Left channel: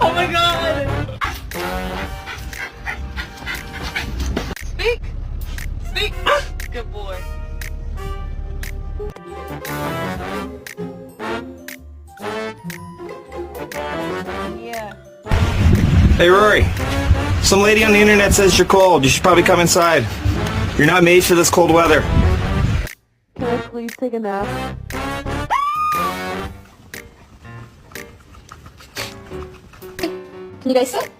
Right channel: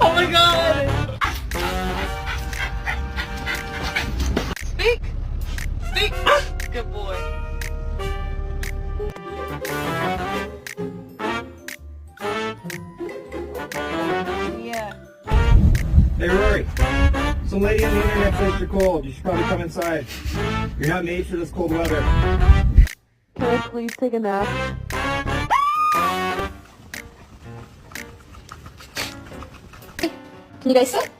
Oh my god! Speak! Speak! Good boy. Yeah. Hey Rory, some lady on the internet says you're cold. You should probably come inside. You're not made for this cold weather. Can I please take a nap? Can you guys sit?